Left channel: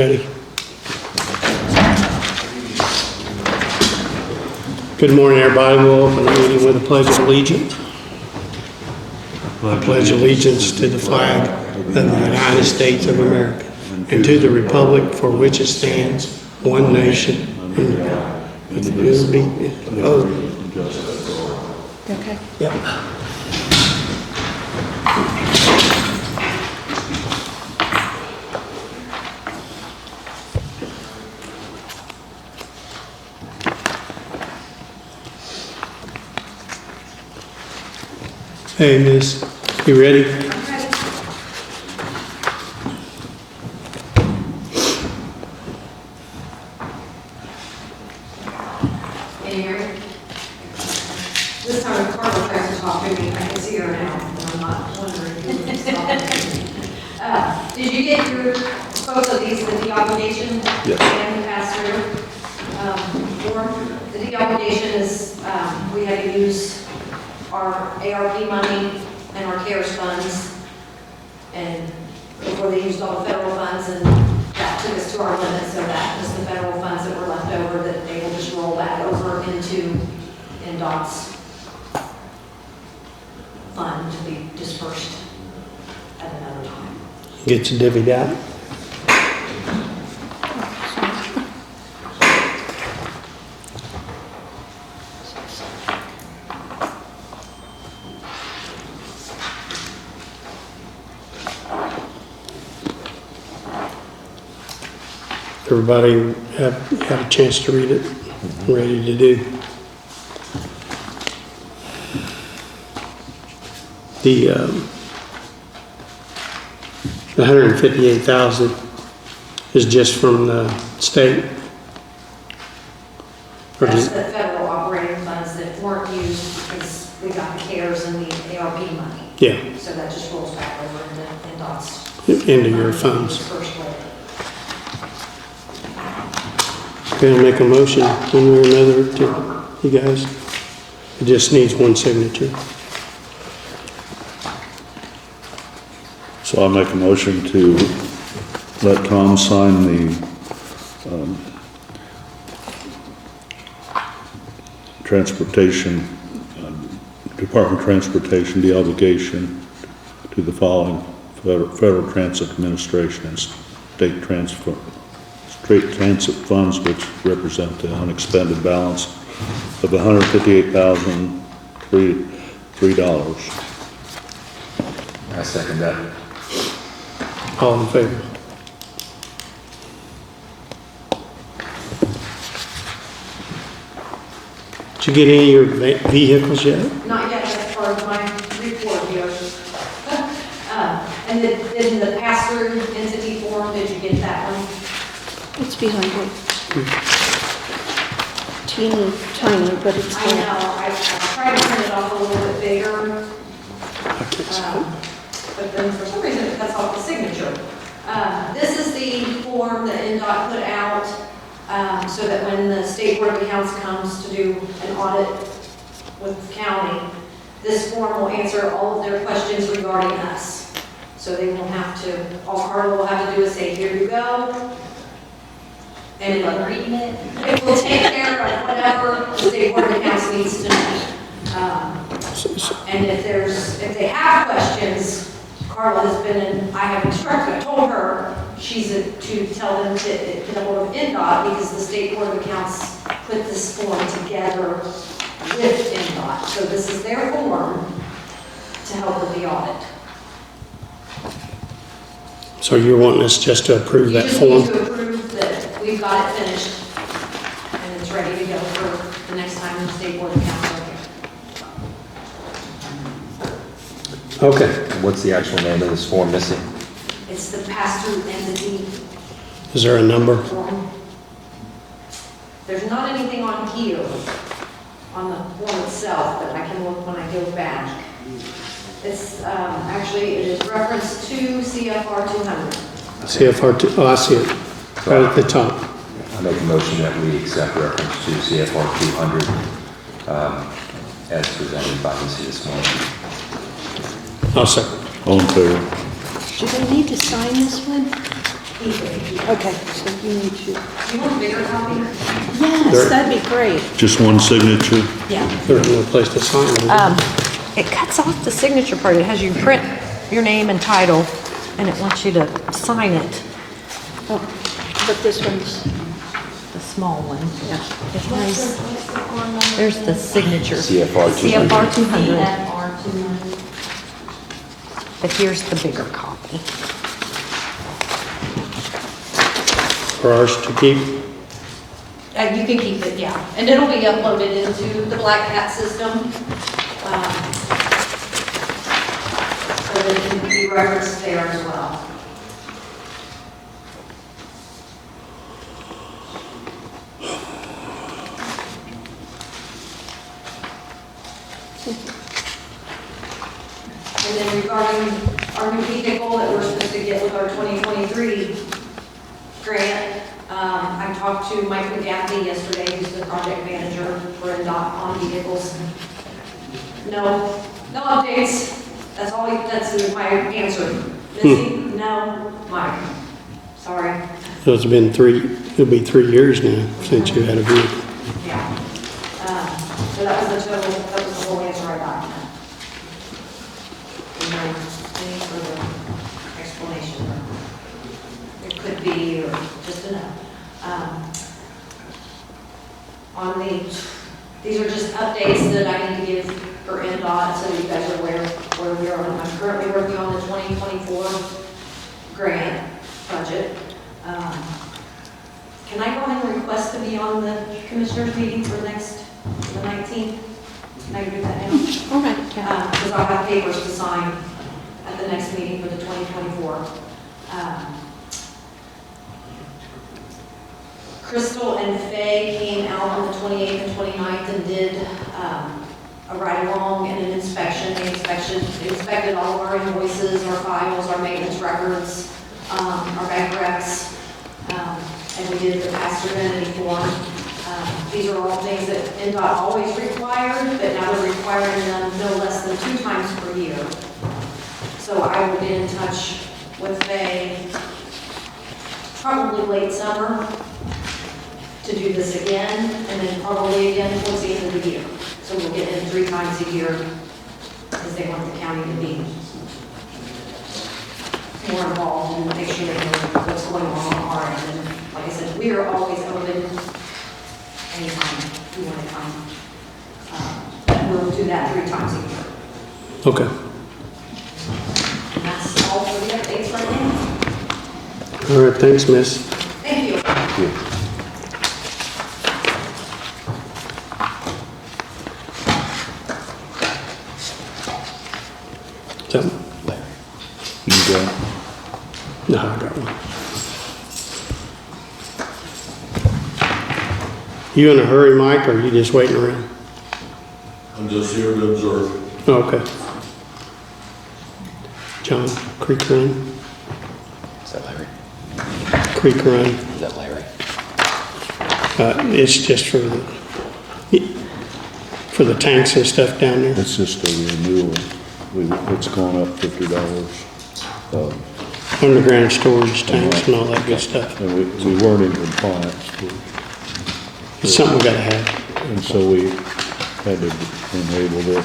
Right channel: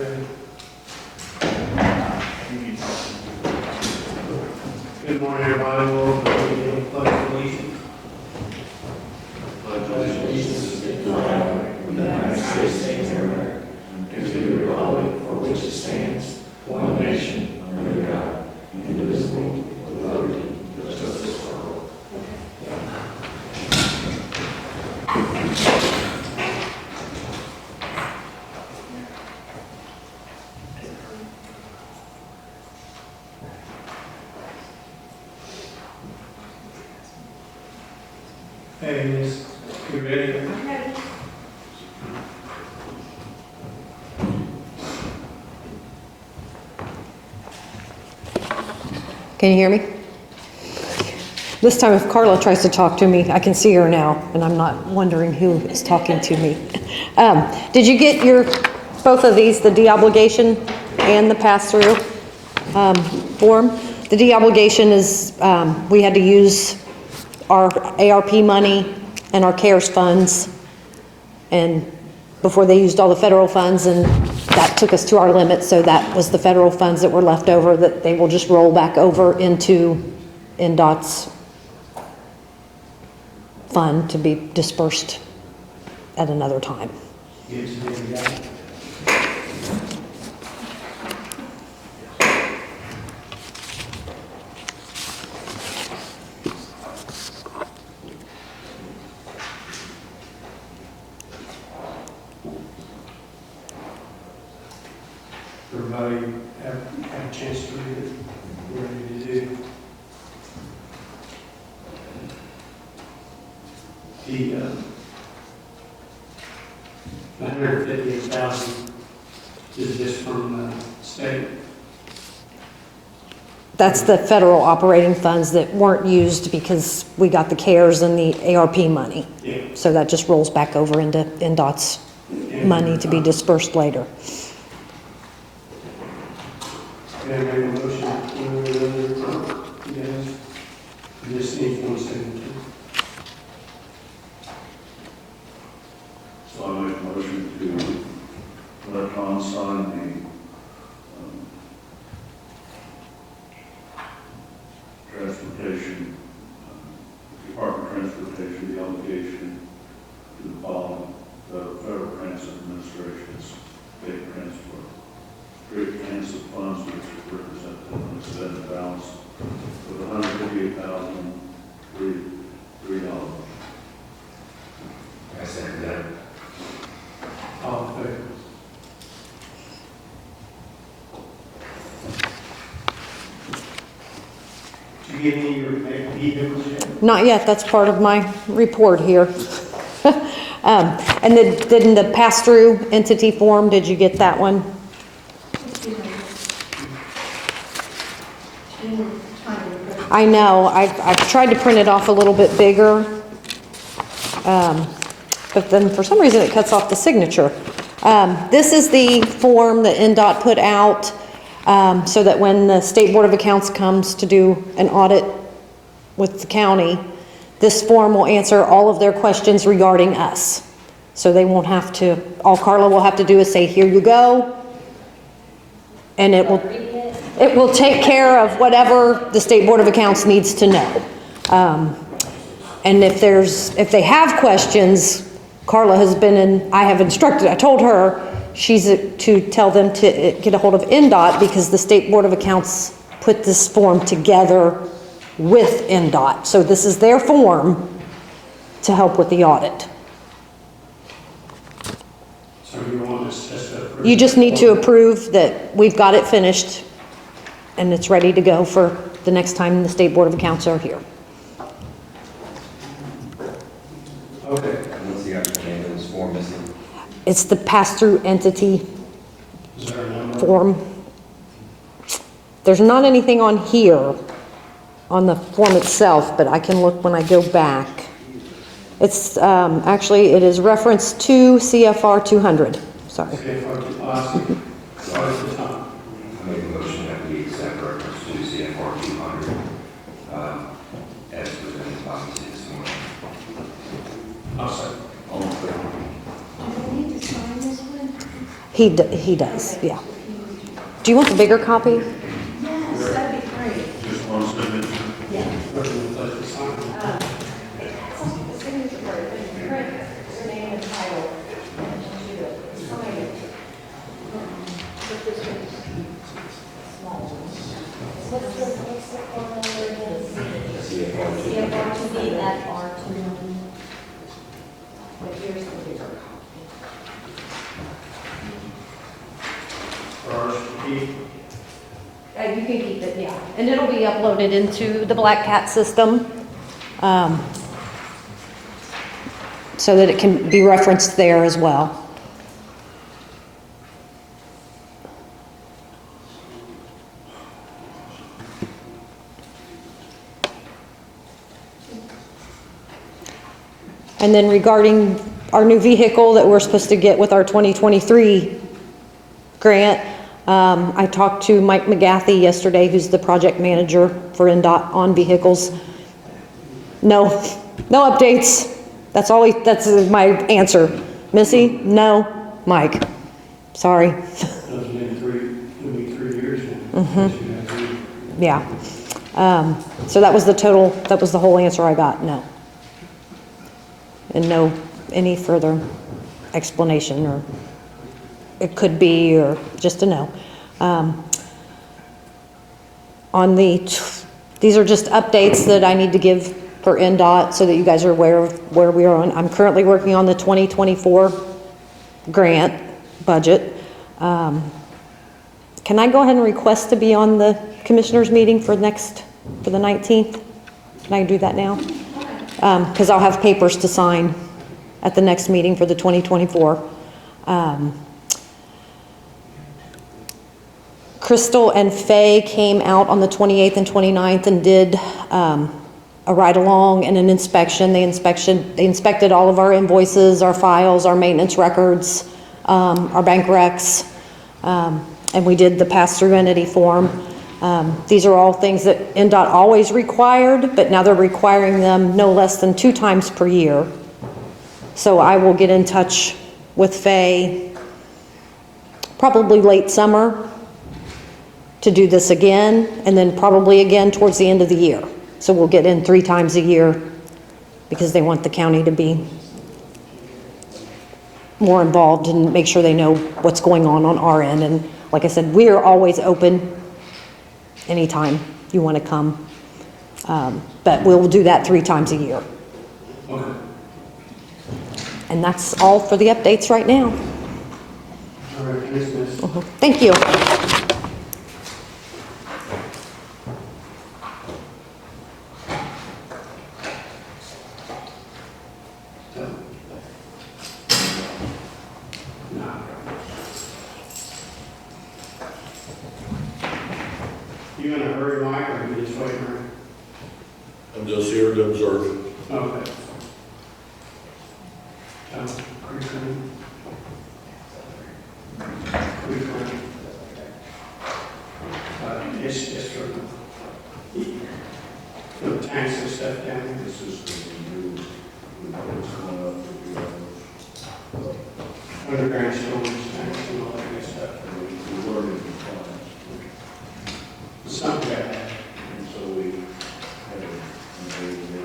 Ready. Good morning, everybody. We'll open the meeting with a pledge of allegiance. I pledge allegiance to the flag of the United States of America and to the republic for which it stands, one nation, under God, with liberty and Okay. Yep. Hey, Miss, you ready? Can you hear me? This time if Carla tries to talk to me, I can see her now, and I'm not wondering who is talking to me. Did you get both of these, the de-obligation and the pass-through form? The de-obligation is, we had to use our ARP money and our CARES funds, and before they used all the federal funds, and that took us to our limit, so that was the federal funds that were left over that they will just roll back over into INDOT's fund to be dispersed at another time. Get your divvied out. Everybody have had a chance to read it? Ready to do? The 158,000 is just from the state. That's the federal operating funds that weren't used because we got the CARES and the ARP money. Yeah. So that just rolls back over into INDOT's Into money your to be funds. dispersed later. Gonna make a motion one way or another to you guys. It just needs one signature. So I make a motion to let Tom sign the transportation, Department of Transportation, the obligation to the following: Federal Transit Administration and State Transit funds, which represent the unexpended balance of $158,003. I second that. All in favor? Did you get any of your vehicles yet? Not yet, that's part of my report here. And then the pass-through entity form, did you get that one? It's behind it. Teeny tiny, but it's. I know, I've tried to print it off a little bit bigger, but then for some reason it cuts off the signature. This is the form that INDOT put out so that when the State Board of Accounts comes to do an audit with the county, this form will answer all of their questions regarding us. So they won't have to, all Carla will have to do is say, here you go. And it will take care of whatever the State Board of Accounts needs to know. And if they have questions, Carla has been I have instructed, I told her, she's to tell them to get a hold of INDOT because the State Board of Accounts put this form together with INDOT. So this is their form to help with the audit. So you're wanting us just to approve that You just need to form? approve that we've got it finished and it's ready to go for the next time the State Board of Accounts are here. Okay. What's the actual name of this form, Missy? It's the pass-through entity Is there a number? form. There's not anything on here, on the form itself, but I can look when I go back. It's, actually, it is reference to CFR 200. So, CFR 2, oh, I see it, right at the top. I make a motion that we accept reference to CFR 200 as presented by Missy this morning. I'll second. All in favor? Do they need to sign this one? He does, Okay, yeah. so you need to. Do you want the bigger copy? Yes, that'd be great. Just one signature? Yeah. There's no place to sign it. It cuts off the signature part. It has you print your name and title, and it wants you to sign it, Oh, but this one's, the small one. It has, there's the signature. CFR 200. CFR 200. But here's the bigger copy. For ours to keep. You can keep it, yeah. And it'll be uploaded into the Black Cat system, so that it can be referenced there as well. And then regarding our new vehicle that we're supposed to get with our 2023 grant, I talked to Mike McGathy yesterday, who's the project manager for INDOT on vehicles. No updates. That's my answer. Missy, no. Mike, sorry. So it'll be 3 years now since you had a vehicle. Yeah. So that was the whole answer I got, no. And no, any further explanation, or it could be, or just a no. These are just updates that I need to give for INDOT so that you guys are aware of where we are on. I'm currently working on the 2024 grant budget. Can I go ahead and request to be on the commissioners meeting for the 19th? Can I do that now? all right. Because I'll have papers to sign at the next meeting for the 2024. Crystal and Faye came out on the 28th and 29th and did a ride-along and an inspection. They inspected all of our invoices, our files, our maintenance records, our bank recs, and we did the pass-through entity form. These are all things that INDOT always required, but now they're requiring them no less than 2 times per year. So I will get in touch with Faye probably late summer to do this again, and then probably again towards the end of the year. So we'll get in 3 times a year because they want the county to be more involved and make sure they know what's going on our end. And like I said, we are always open anytime you want to come. But we'll do that 3 times a year. Okay. And that's all for the updates right now. All right, thanks, miss. Thank you. Something? You got it? No, I got one. You in a hurry, Mike, or are you just waiting around? I'm just here to observe. Oh, okay. John, Creek Run, Is that Larry? Creek Run. Is that Larry? It's just for the tanks and stuff down there. It's just a renewal. It's gone up $50. Underground storage tanks and all that good stuff. And we weren't in compliance. It's something we gotta have. And so we had to enable it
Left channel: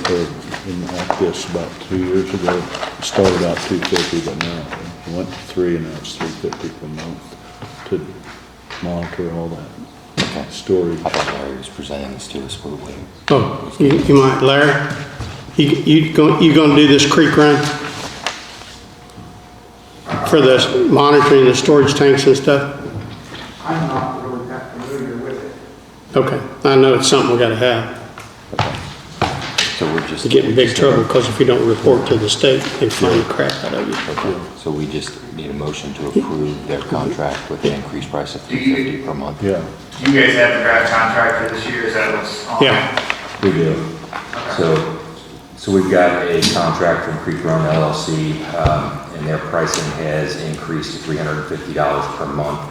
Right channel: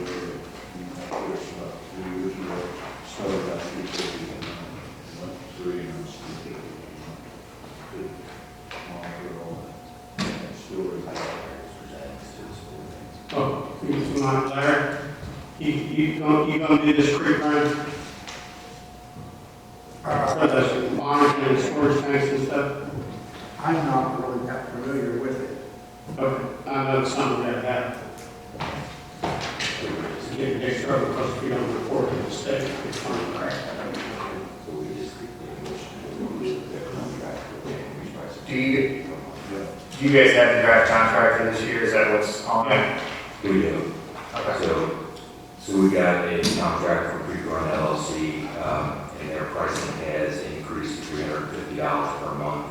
like this about 2 years ago. It started out $250, but now it went to 3, and now it's $350 per month to monitor all that storage. I thought Larry was presenting this to us for the week. Oh, you might, Larry? You gonna do this creek run? For the monitoring the storage tanks and stuff? I'm not really that familiar with it. Okay, I know it's something we gotta have. So we're just. You get in big trouble, because if you don't report to the state, they fine the crap out of you. Okay, so we just need a motion to approve their contract with the increased price of $350 per month. Yeah, You guys have the draft contract for this year, is that what's on? Yeah, we did. So we've got a contract from Creek Run LLC, and their pricing has increased to $350 per month.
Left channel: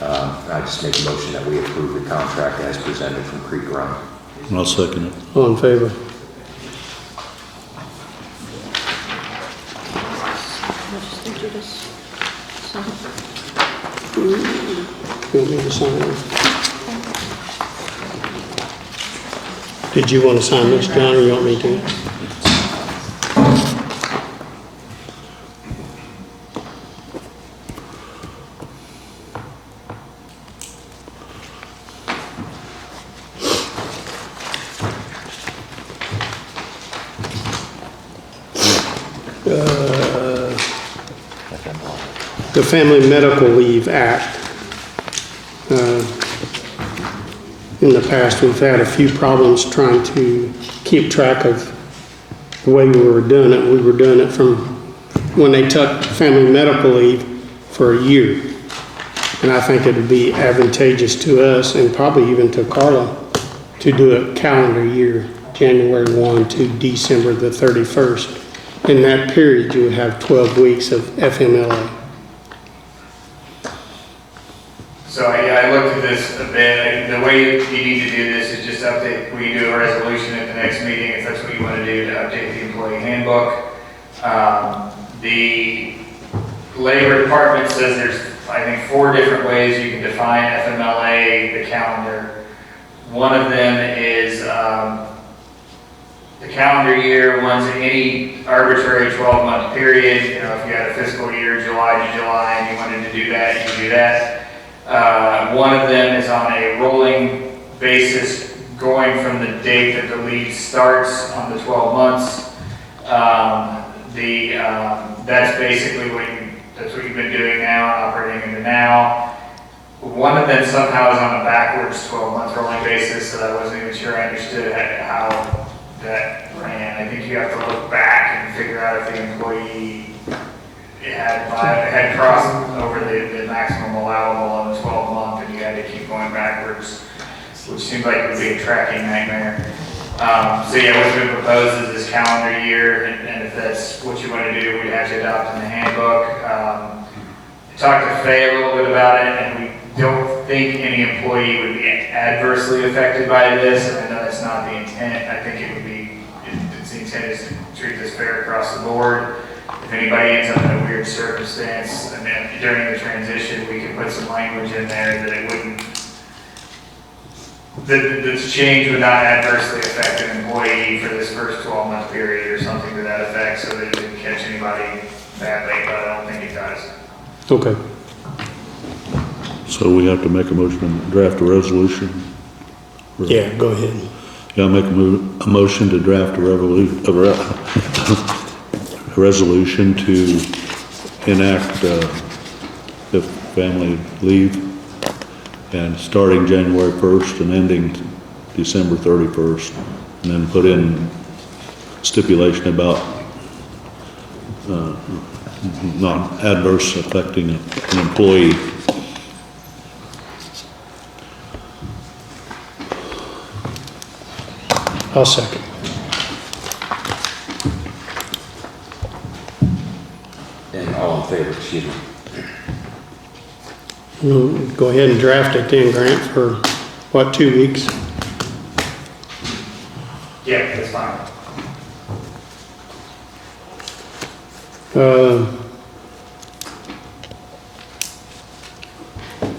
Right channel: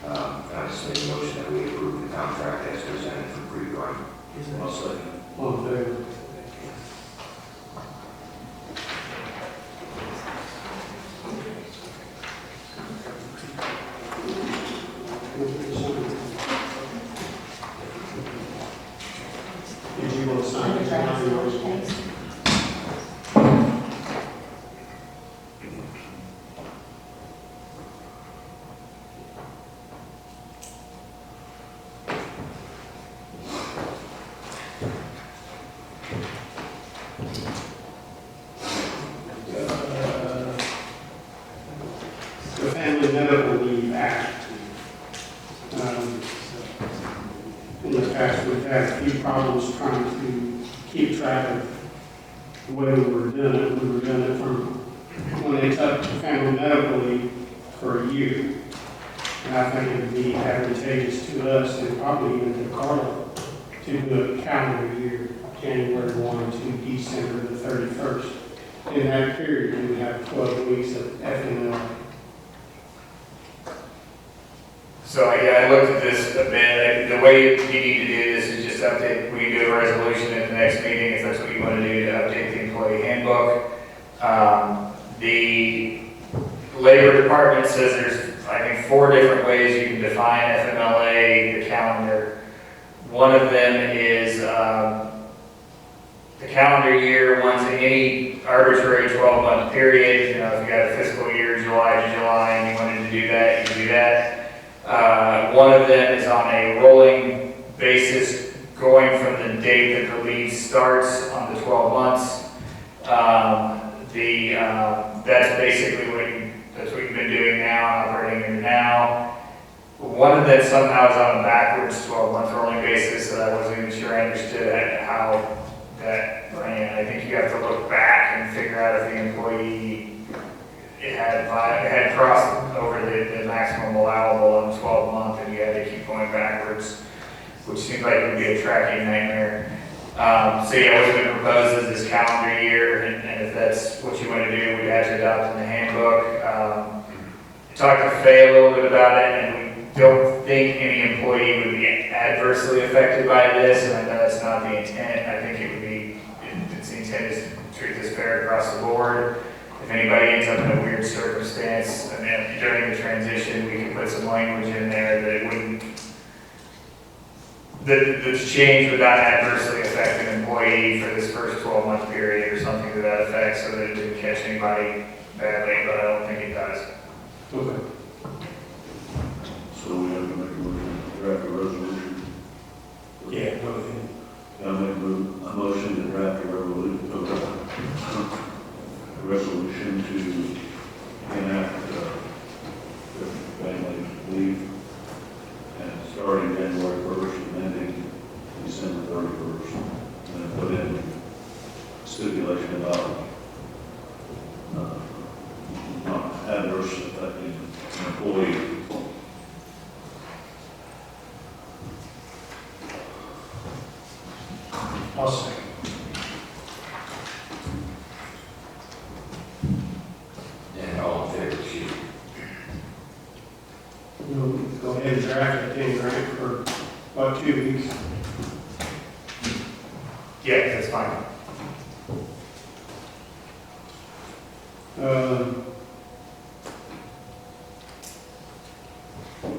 I just make a motion that we approve the contract as presented from Creek Run. I'll second it. all in favor? We'll just do this. So, You want me to sign it? Did you want to sign this, John, or you want me to? The Family Medical Leave Act. In the past, we've had a few problems trying to keep track of the way we were doing it. We were doing it from when they took family medical leave for a year. And I think it would be advantageous to us and probably even to Carla to do a calendar year, January 1 to December the 31st. In that period, you would have 12 weeks of FMLA. So I looked at this a bit. The way you need to do this is just update, we do a resolution at the next meeting if that's what you want to do, to update the employee handbook. The Labor Department says there's, I think, 4 different ways you can define FMLA, the calendar. One of them is the calendar year runs any arbitrary 12-month period. You know, if you had a fiscal year, July to July, and you wanted to do that, you can do that. One of them is on a rolling basis, going from the date that the leave starts on the 12 months. That's basically that's what you've been doing now and operating under now. One of them somehow is on a backwards 12-month rolling basis, so I wasn't even sure I understood how that ran. I think you have to look back and figure out if the employee had crossed over the maximum allowable on the 12-month, and you had to keep going backwards, which seems like it would be a tracking nightmare. So yeah, what's been proposed is this calendar year, and if that's what you want to do, we'd have to adopt in the handbook. Talked to Faye a little bit about it, and we don't think any employee would be adversely affected by this, and I know that's not the intent. I think it would be, it's the intent is to treat this fair across the board. If anybody ends up in a weird circumstance, and then during the transition, we can put some language in there that it wouldn't, that the change would not adversely affect an employee for this first 12-month period or something to that effect, so that it didn't catch anybody badly, but I don't think it does. Okay. So we have to make a motion and draft a resolution? Yeah, go ahead. Yeah, I'll make a motion to draft a resolution to enact the family leave, and starting January 1st and ending December 31st, and then put in stipulation about not adverse affecting an employee. I'll second. And all in favor, excuse me. We'll go ahead and draft it then, Grant, for what, 2 weeks? Yeah, that's fine.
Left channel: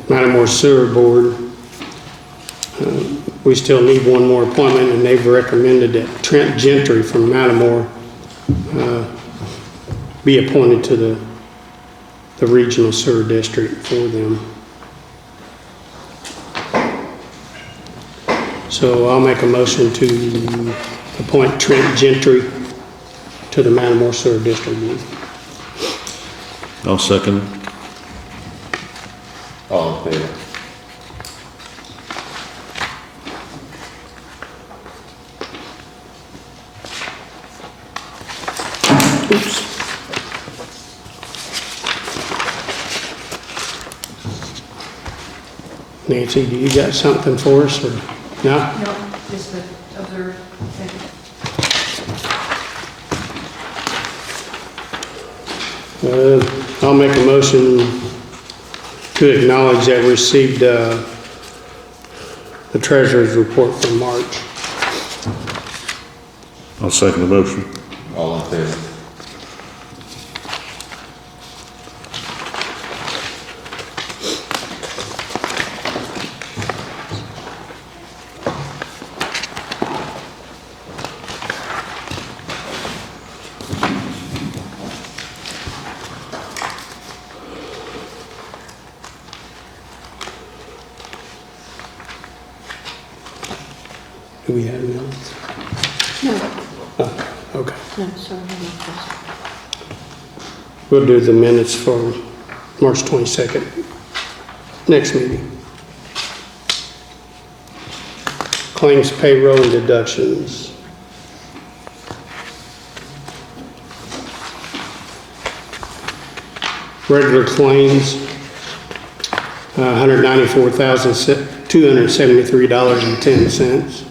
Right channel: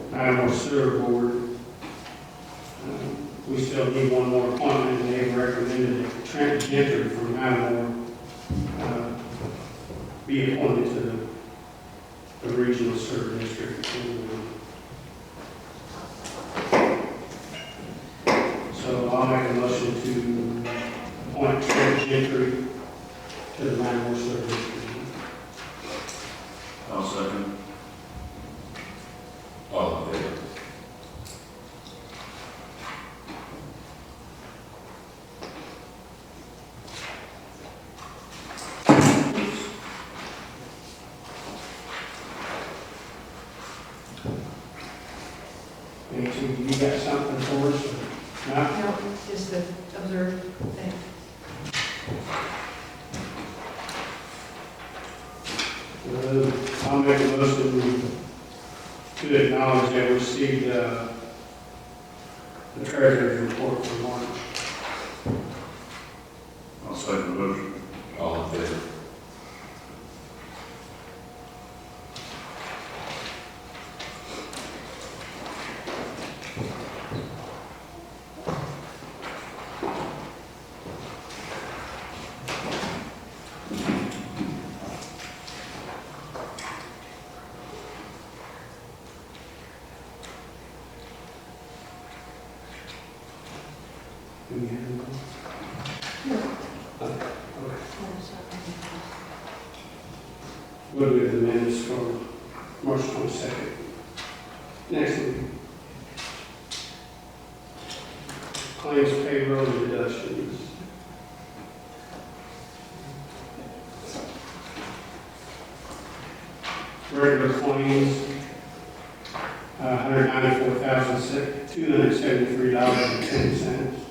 Metamora Sewer Board. We still need one more appointment, and they've recommended that Trent Gentry from Metamora be appointed to the regional sewer district for them. So I'll make a motion to appoint Trent Gentry to the Metamora Sewer District. I'll second it. All in favor? Oops. Nancy, do you got something for us, or no? No, just to observe. I'll make a motion to acknowledge that we received the treasurer's report for March. I'll second the motion. All in favor? Do we have minutes? No, Oh, okay. no, sorry, not this. We'll do the minutes for March 22nd, next meeting. Claims, payroll, and deductions. Regular claims, $194,273.10.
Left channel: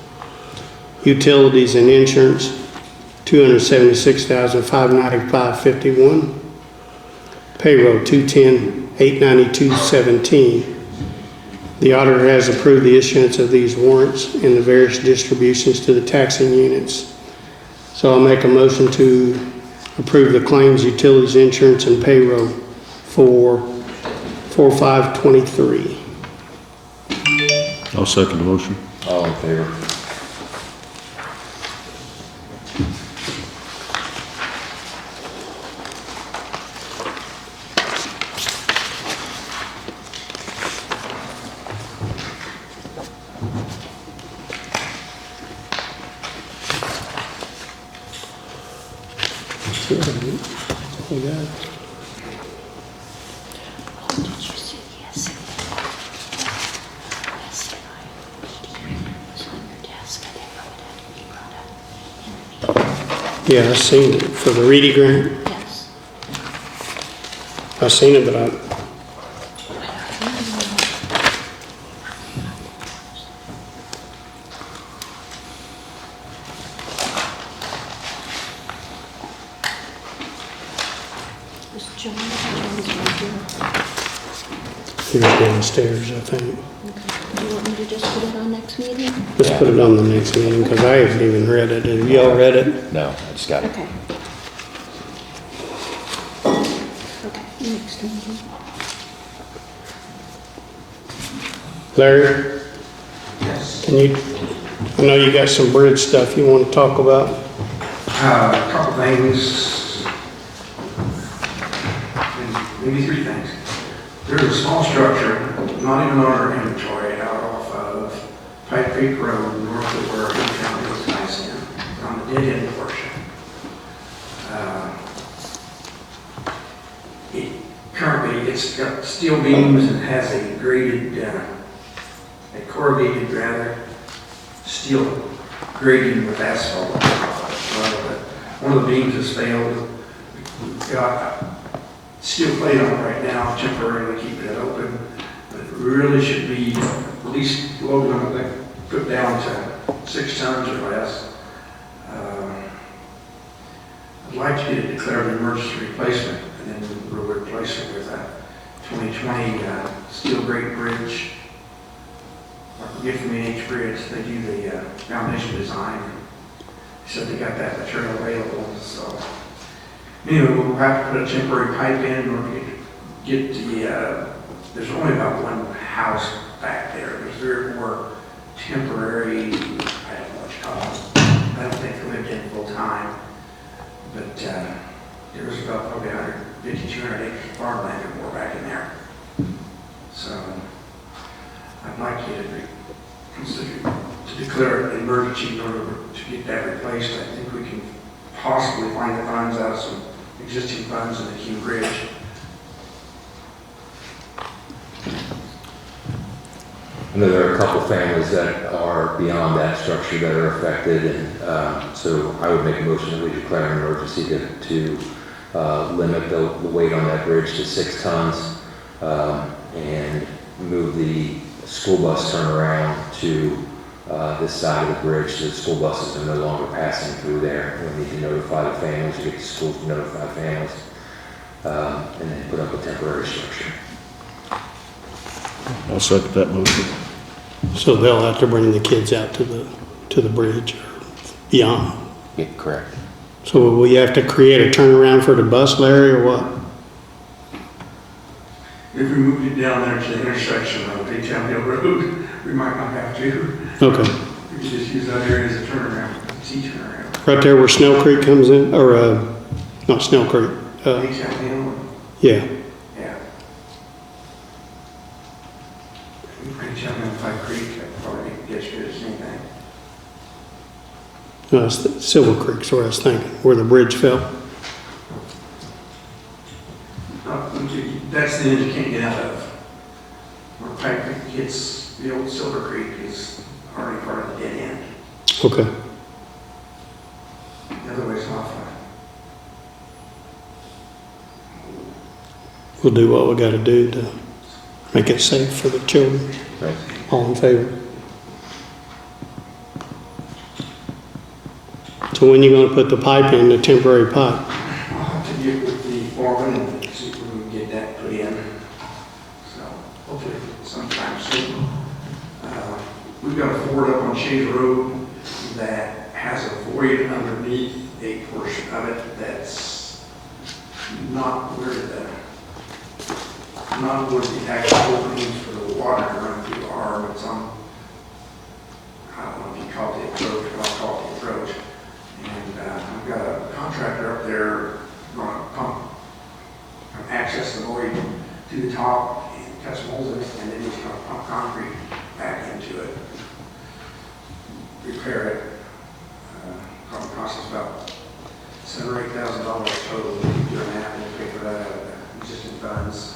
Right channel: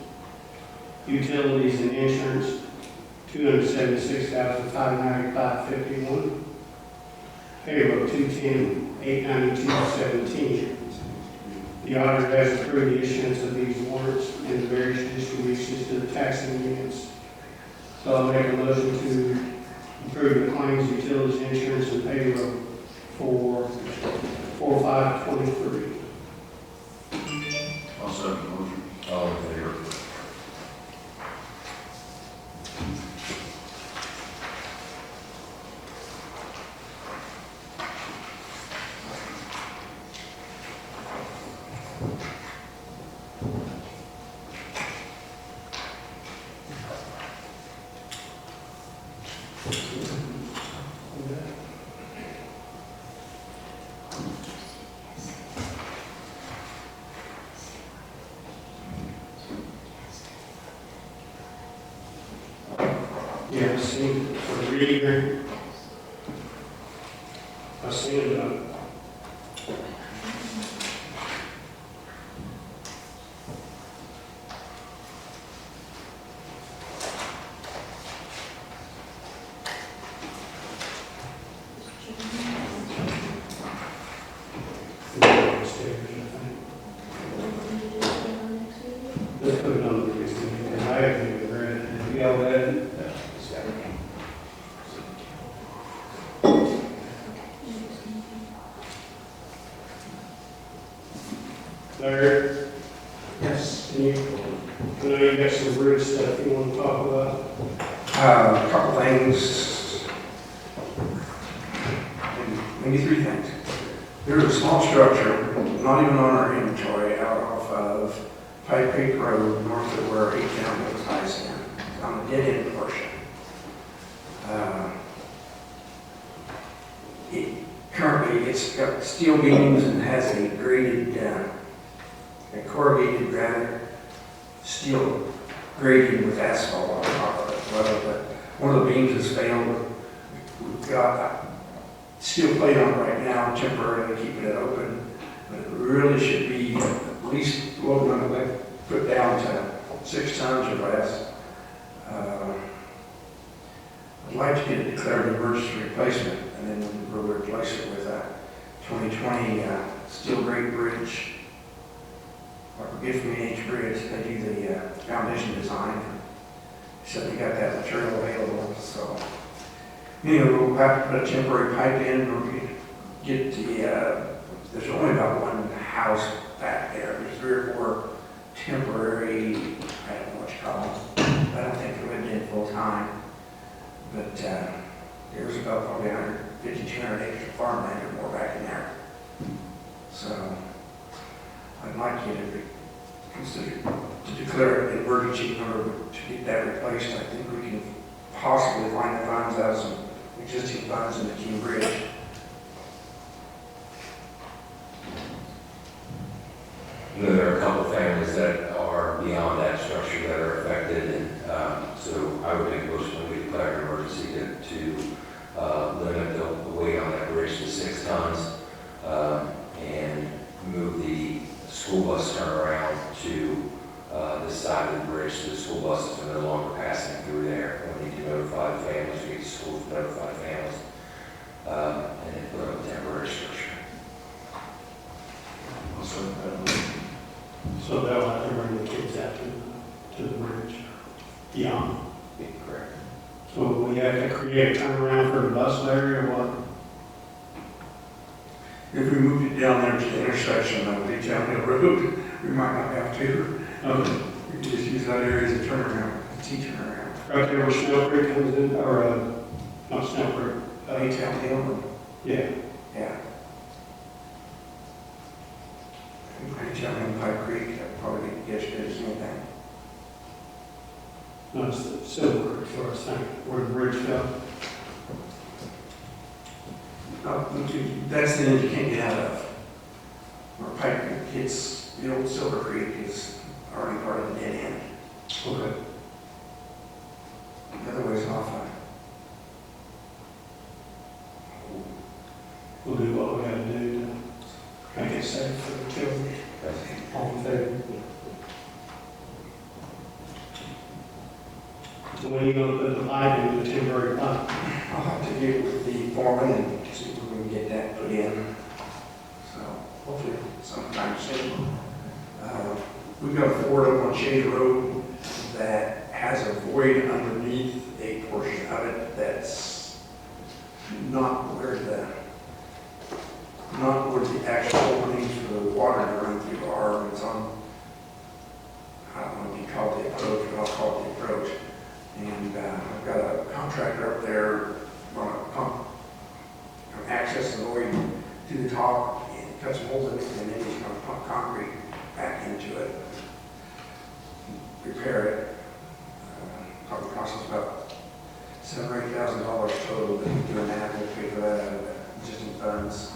Utilities and insurance, $276,595.51. Payroll, $210,892.17. The auditor has approved the issuance of these warrants and the various distributions to the taxing units. So I'll make a motion to approve the claims, utilities, insurance, and payroll for 4/5/23. I'll second the motion. All in favor? We got it. Did you see yesterday? It's on your desk, I think you brought it. Yeah, I seen it for the Reedy grant. Yes. I seen it, but I, Was John's right here? he was downstairs, I think. Okay. Do you want me to just put it on next meeting? Let's put it on the next meeting, because I haven't even read it. Have y'all read it? No, I just got it. Okay. Okay, next meeting. Larry? Yes. Can you, I know you got some bridge stuff you want to talk about. A couple things, and maybe three things. There's a small structure, not even on our inventory, out off of Pipe Creek Road, north of where Town Hills lies in, on the dead end portion. Currently, it's got steel beams and has a graded, a corrugated rather, steel grading with asphalt on top of it. But one of the beams has failed. We've got steel plate on it right now, temporarily keeping it open, but it really should be at least low limit, like put down to 6 tons or less. I'd like to get it declared an emergency replacement, and then we'll replace it with a 2020 steel grade bridge. Or gift from H Bridge, they do the foundation design. Said they got that material available, so, you know, we'll have to put a temporary pipe in or get the, there's only about one house back there. There's 3 or 4 temporary, I don't know what you call them. I don't think they lived in full time, but there's about probably 150, 200 acres of farmland or more back in there. So I'd like you to consider to declare it an emergency in order to get that replaced. I think we can possibly find the funds out of some existing funds in the King Bridge. I know there are a couple families that are beyond that structure that are affected, and so I would make a motion that we declare an emergency to limit the weight on that bridge to 6 tons and move the school bus turnaround to this side of the bridge, so the school buses are no longer passing through there. We need to notify the families, get the schools to notify families, and then put up a temporary structure. I'll second that motion. So they'll have to bring the kids out to the bridge or beyond. Yeah, correct. So will we have to create a turnaround for the bus, Larry, or what? If we moved it down there to the intersection of Big Town Hill Road, we might not have to. Okay. We could just use that area as a turnaround, T-turnaround. Right there where Snell Creek comes in, or, not Snell Creek, Big Town Hill, yeah. yeah. Big Town Hill, Pipe Creek, probably be as good as anything. No, it's the Silver Creek's where I was thinking, where the bridge fell. That's the end you can't get out of. Where Pipe Creek hits, the old Silver Creek is already part of the dead end. Okay. The other way's not fine. We'll do what we gotta do to make it safe for the children. Right. All in favor? So when you gonna put the pipe in, the temporary pipe? I'll have to get with the foreman and see if we can get that put in. So hopefully sometime soon. We've got a ford up on Shade Road that has a void underneath a portion of it that's not where the actual openings for the water to run through are. It's on, I don't know if you call it the approach, but I'll call it the approach. And I've got a contractor up there on a pump, access the void to the top and cut some holes in it, and then he's going to pump concrete back into it, repair it. Probably costs us about $7,000 or $8,000 total to keep doing that. We'll pay for that out of the existing funds.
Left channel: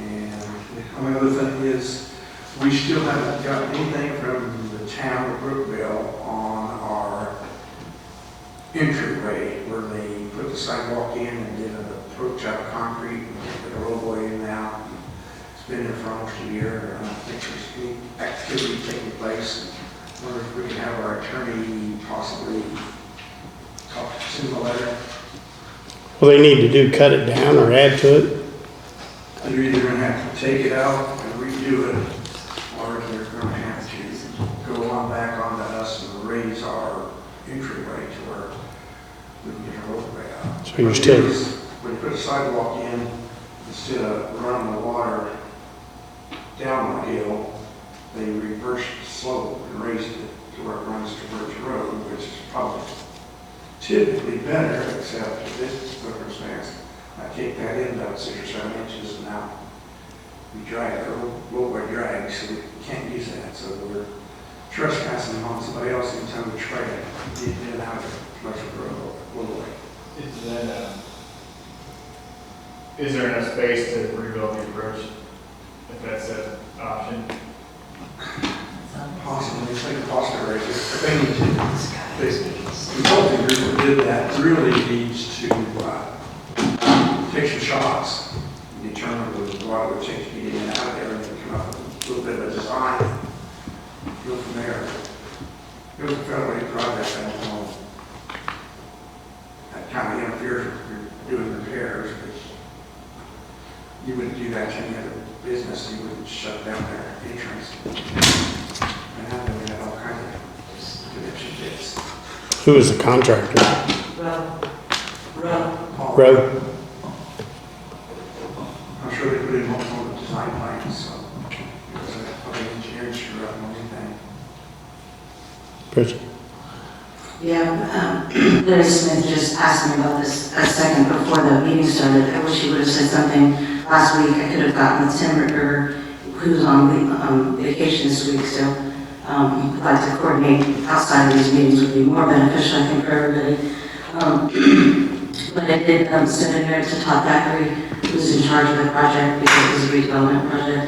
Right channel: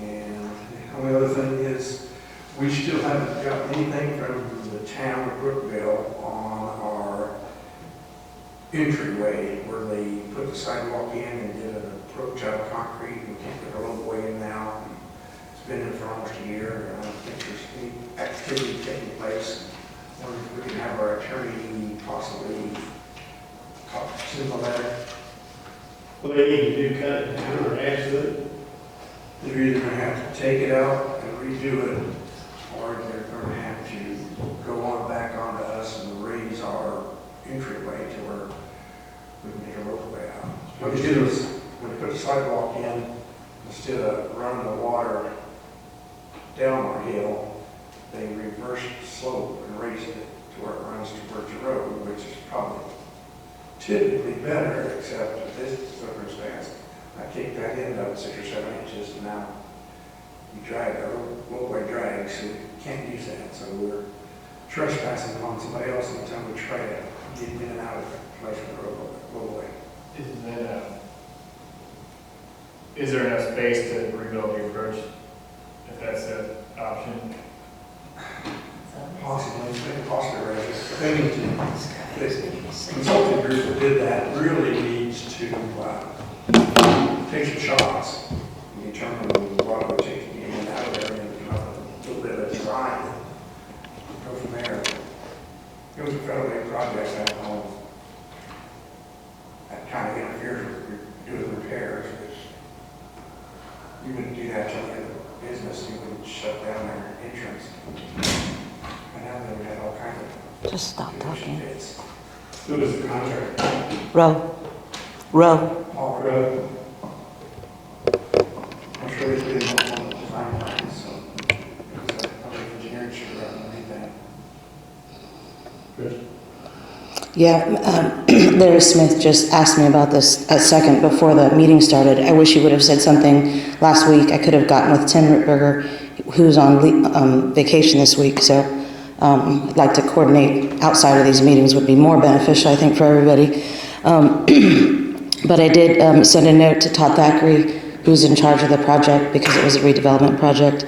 And the only other thing is, we still haven't got anything from the town of Brookville on our entryway where they put the sidewalk in and did an approach out of concrete and put a low boy in now. It's been there for almost a year. I don't think there's any activity taking place. I wonder if we can have our attorney possibly send a letter. Well, they need to do cut it down or add to it. They're either going to have to take it out and redo it, or they're going to have to go on back onto us and raise our entryway to where we can get a roadway out. So you're What it still- is, when you put a sidewalk in, instead of running the water down the hill, they reverse the slope and raise it to where it runs towards the road, which is probably typically better, except in this circumstance. I kicked that end up 6 or 7 inches, and now we drag it, or low by drag, so we can't use that. So we're trespassing on somebody else anytime we try to get in and out of the commercial roadway. Is there enough space to rebuild the approach, if that's an option? Possibly, it's going to cost a raise. The thing is, the consulting group that did that really needs to take some shots and determine what it would take to get in and out of there and come up with a little bit of a design. Go from there. It was a federal project, I don't know. That kind of interferes with doing repairs, because you wouldn't do that to any other business, you wouldn't shut down their entrance. And now we have all kinds of Just stop that. relationships. Who is the contractor? Row. Road? I'm sure they put it on the design plans, so it's probably engineering screw up and anything. Bridget? Yeah, Larry Smith just asked me about this a second before the meeting started. I wish he would have said something last week. I could have gotten with Tim Rittberger, who's on vacation this week, so like to coordinate outside of these meetings would be more beneficial, I think, for everybody. But I did send a note to Todd Thackeray, who's in charge of the project because it was a redevelopment project.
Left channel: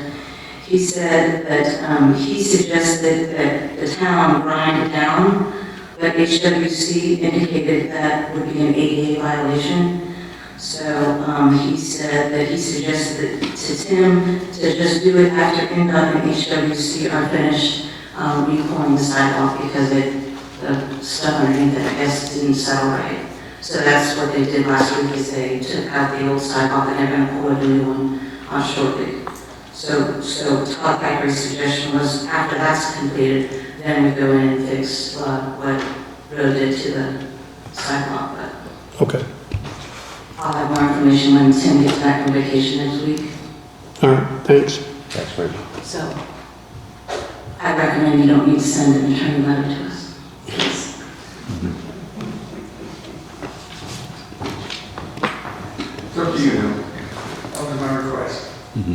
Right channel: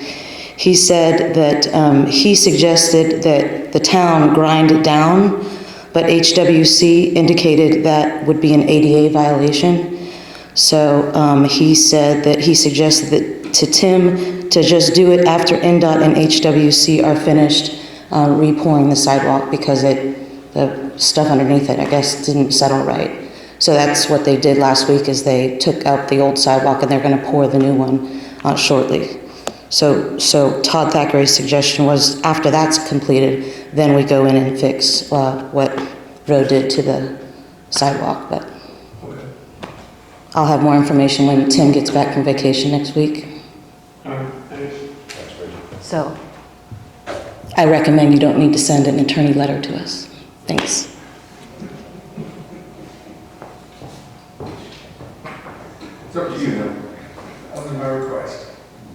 He said that he suggested that the town grind it down, but HWC indicated that would be an ADA violation. So he said that he suggested to Tim to just do it after INDOT and HWC are finished re-pouring the sidewalk because the stuff underneath it, I guess, didn't settle right. So that's what they did last week is they took out the old sidewalk and they're going to pour the new one shortly. So Todd Thackeray's suggestion was after that's completed, then we go in and fix what Roe did to the sidewalk. But Okay. I'll have more information when Tim gets back from vacation next week. All right, thanks. Thanks, Rich. So I recommend you don't need to send an attorney letter to us. Thanks. It's up to you now. That was my request. Your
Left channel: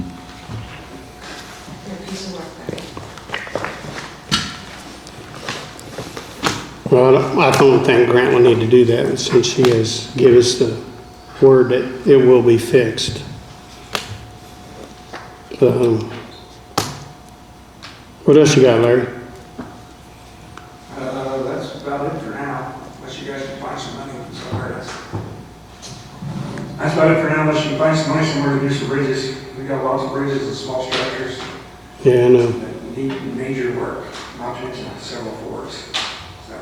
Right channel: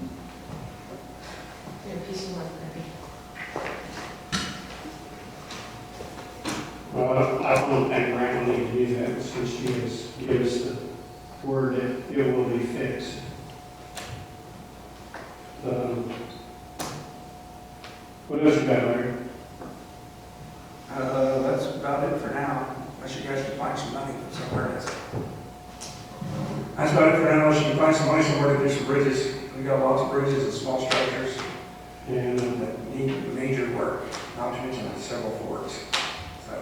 piece of work, right? Well, I don't think Grant will need to do that since she has given us the word that it will be fixed. What else you got, Larry? That's about it for now, unless you guys can find some money somewhere else. That's about it for now, unless you can find some money somewhere to do some bridges. We got lots of bridges and small structures Yeah, I know. that need major work, not to mention several forks. So,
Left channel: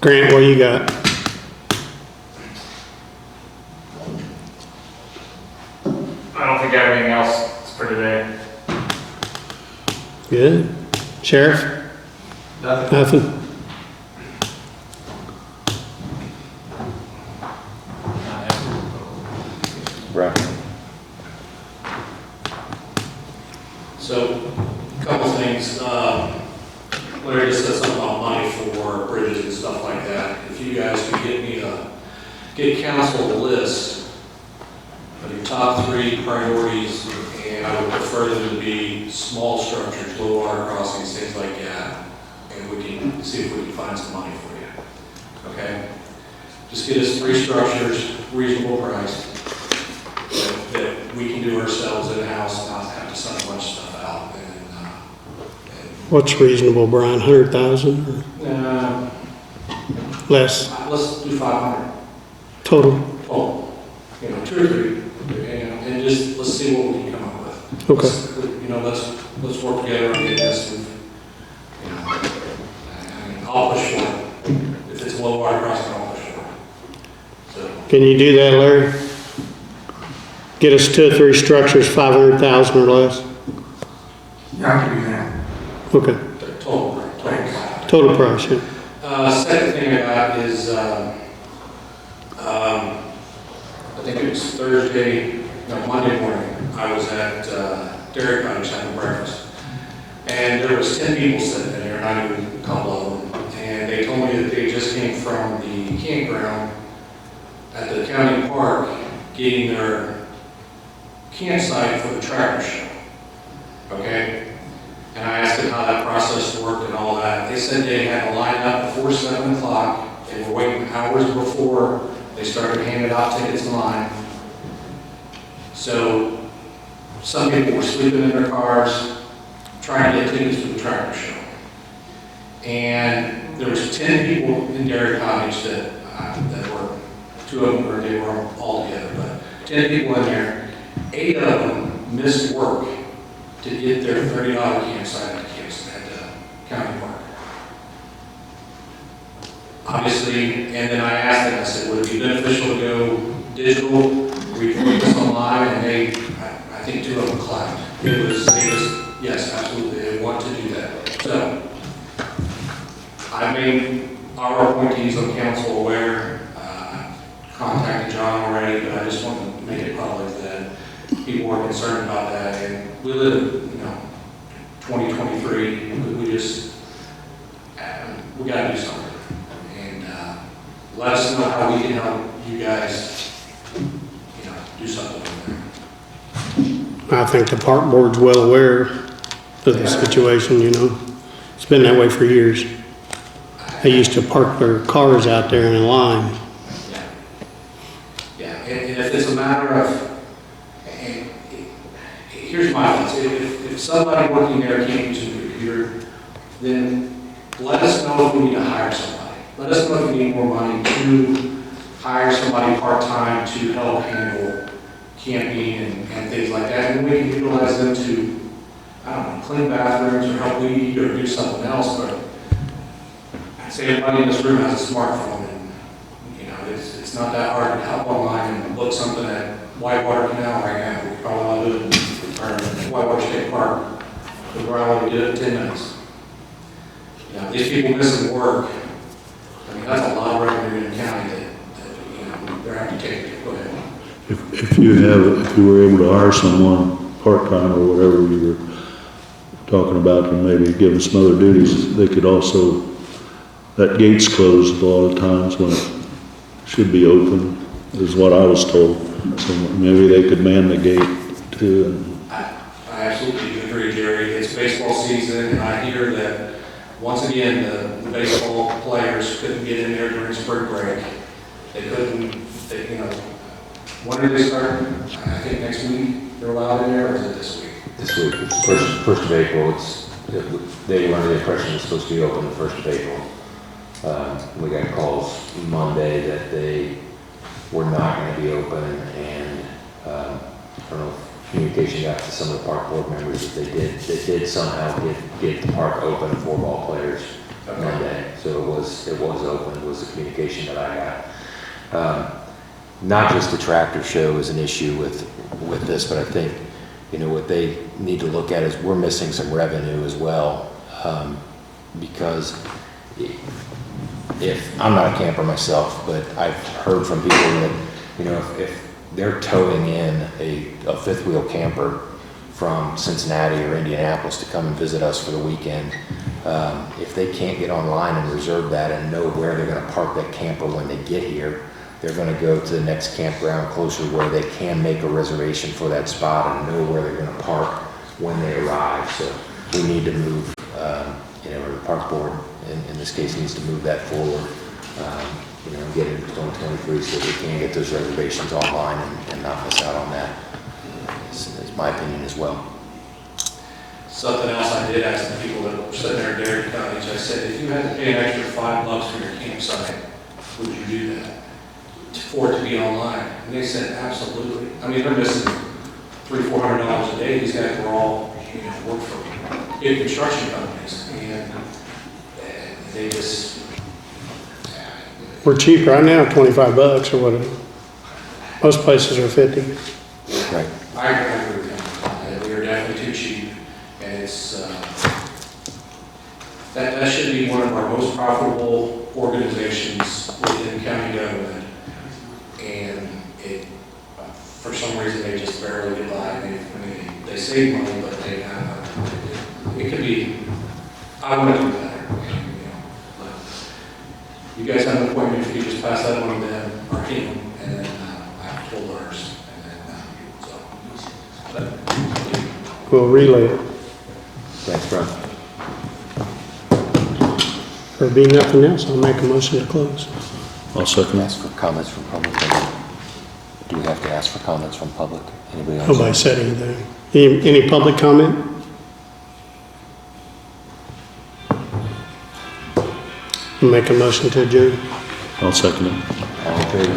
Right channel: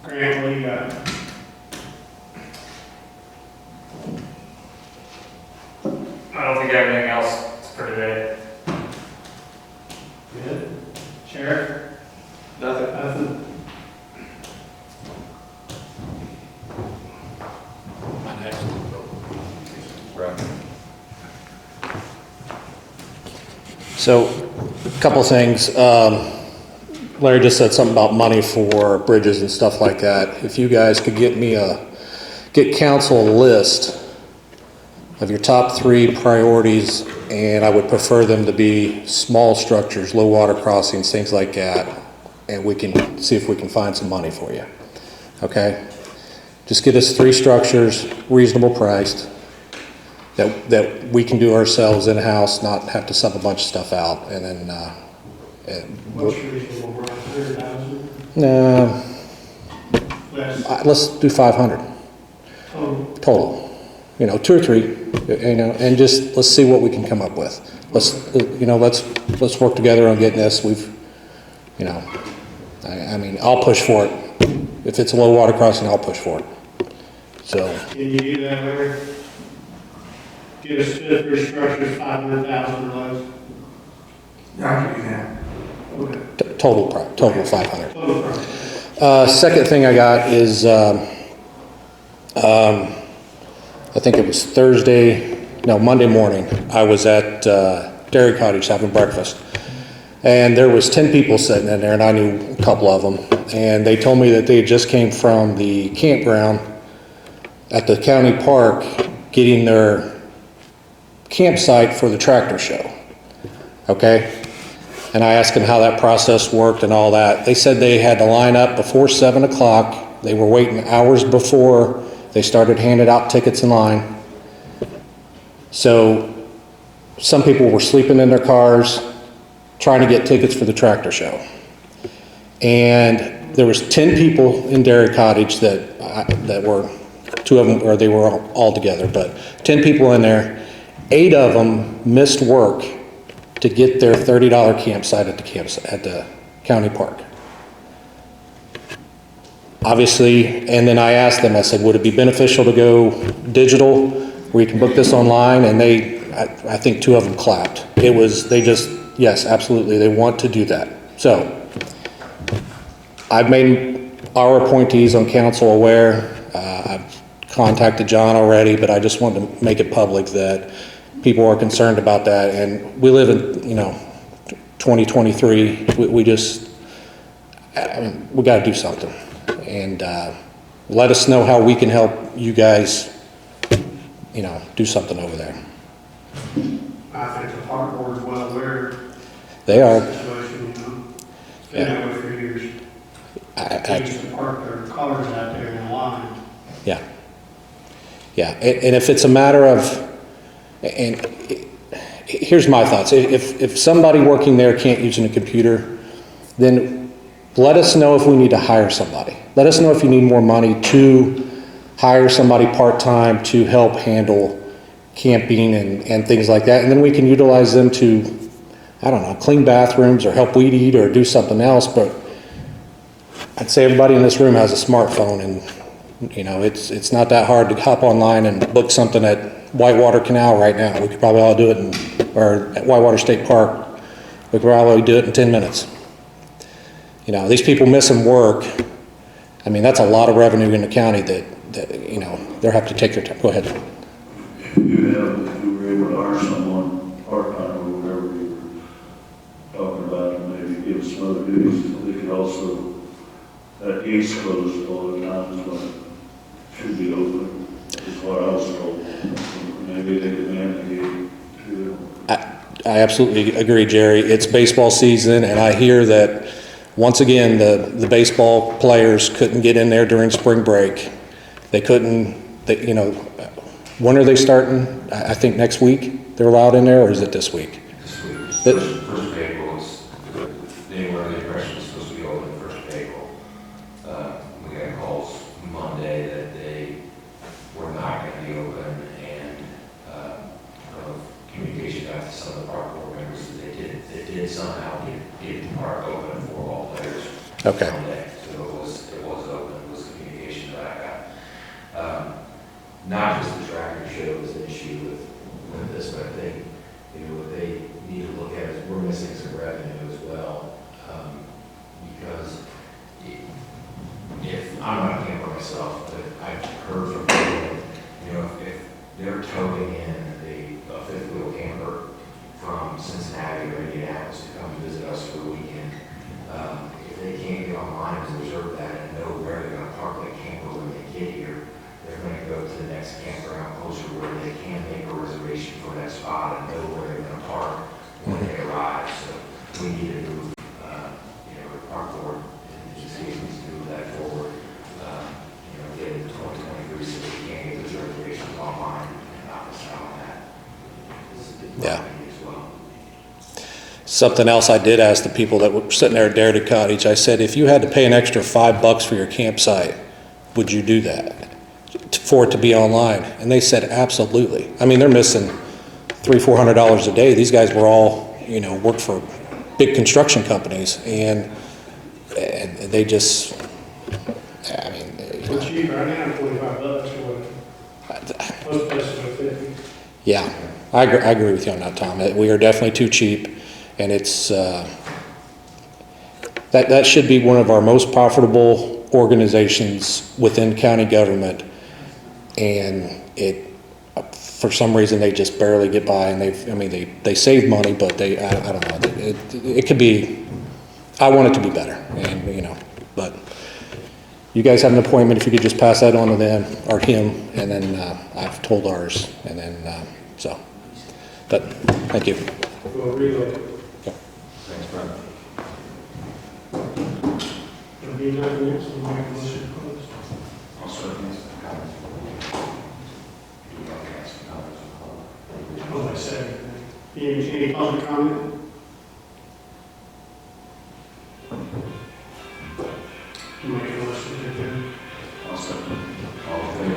Grant, what you got? I don't think I have anything else for today. Good. Sheriff? Nothing? Right. So, a couple of things. Larry just said something about money for bridges and stuff like that. If you guys could get council a list of your top 3 priorities, and I would prefer them to be small structures, low water crossings, things like that, and we can see if we can find some money for you. Okay? Just get us 3 structures, reasonable priced, that we can do ourselves in-house, not have to sub a bunch of stuff out, and then, What's reasonable, Brian? 100,000 or less let's do 500 total? You know, 2 or 3, you know, and just, let's see what we can come up with. Let's work together on getting this. You know, I mean, I'll push for it. If it's a low water crossing, I'll push for it. So, Can you do that, Larry? Get us 2 or 3 structures, 500,000 or less? yeah, I can do that. Okay. total 500. Total price, yeah. Second thing I got is, I think it was Monday morning, I was at Dairy Cottage having breakfast. And there was 10 people sitting in there, and I knew a couple of them. And they told me that they just came from the campground at the county park getting their campsite for the tractor show. Okay? And I asked them how that process worked and all that. They said they had to line up before 7 o'clock. They were waiting hours before they started handing out tickets in line. So some people were sleeping in their cars trying to get tickets for the tractor show. And there was 10 people in Dairy Cottage that were, 2 of them, or they were all together, but 10 people in there. 8 of them missed work to get their $30 campsite at the county park. Obviously, and then I asked them, I said, would it be beneficial to go digital where you can book this online? And I think 2 of them clapped. Yes, absolutely, they want to do that. So, I've made our appointees on council aware. I've contacted John already, but I just wanted to make it public that people are concerned about that. And we live in, 2023. We got to do something. And let us know how we can help you guys, do something over there. I think the park board's well aware of the situation, It's been that way for years. They used to park their cars out there in a line. Yeah. Yeah, and if it's a matter of, and here's my thoughts. If somebody working there can't use a computer, then let us know if we need to hire somebody. Let us know if you need more money to hire somebody part-time to help handle camping and things like that. And then we can utilize them to, clean bathrooms or help weed eat or do something else. But I'd say everybody in this room has a smartphone, and it's not that hard to hop online and book something at Whitewater Canal right now. We could probably all do it, or Whitewater State Park. We could probably do it in 10 minutes. These people missing work, that's a lot of revenue in the county that they'll have to take their time. Go ahead. If you were able to hire someone part-time or whatever you were talking about, and maybe give them some other duties, they could also, that gate's closed a lot of times when it should be open, is what I was told. So maybe they could man the gate too. I absolutely agree, Jerry. It's baseball season, and I hear that once again, the baseball players couldn't get in there during spring break. They couldn't, when are they starting? I think next week they're allowed in there, or is it this week? This week, it's first of April, they were under the impression it's supposed to be open the 1st of April. We got calls Monday that they were not going to be open, and I don't know if communication got to some of the park board members that they did somehow get the park open for ball players Monday. So it was open. It was the communication that I got. Not just the tractor show is an issue with this, but I think what they need to look at is we're missing some revenue as well, because if I'm not a camper myself, but I've heard from people that if they're towing in a fifth wheel camper from Cincinnati or Indianapolis to come and visit us for the weekend, if they can't get online and reserve that and know where they're going to park that camper when they get here, they're going to go to the next campground closer where they can make a reservation for that spot and know where they're going to park when they arrive. So we need to move, the park board in this case needs to move that forward, get into 2023 so we can get those reservations online and not miss out on that, is my opinion as well. Something else I did ask the people that were sitting there at Darity Cottage, I said, if you had to pay an extra $5 for your campsite, would you do that for it to be online? And they said, absolutely. I mean, they're missing $300-400 a day. These guys were all, worked for big construction companies, and they just, We're cheap right now, $25 or whatever. Most places are 50. Yeah, right. I agree with you on that, Tom. That we are definitely too cheap, and it's that should be one of our most profitable organizations within county government, and for some reason they just barely get by, and they save money, but I don't know. It could be. I want it to be better, but. You guys have an appointment, if you could just pass that on to them, or him, and then I've told ours, and then, but, thank you. We'll relay it. Thanks, Brian. There be nothing else, I'll make a motion to close. I'll second Ask for comments from public. Do we have to ask for comments from public? Anybody else? Nobody said anything. Any public comment? Make a motion to adjourn. I'll second it. All in favor?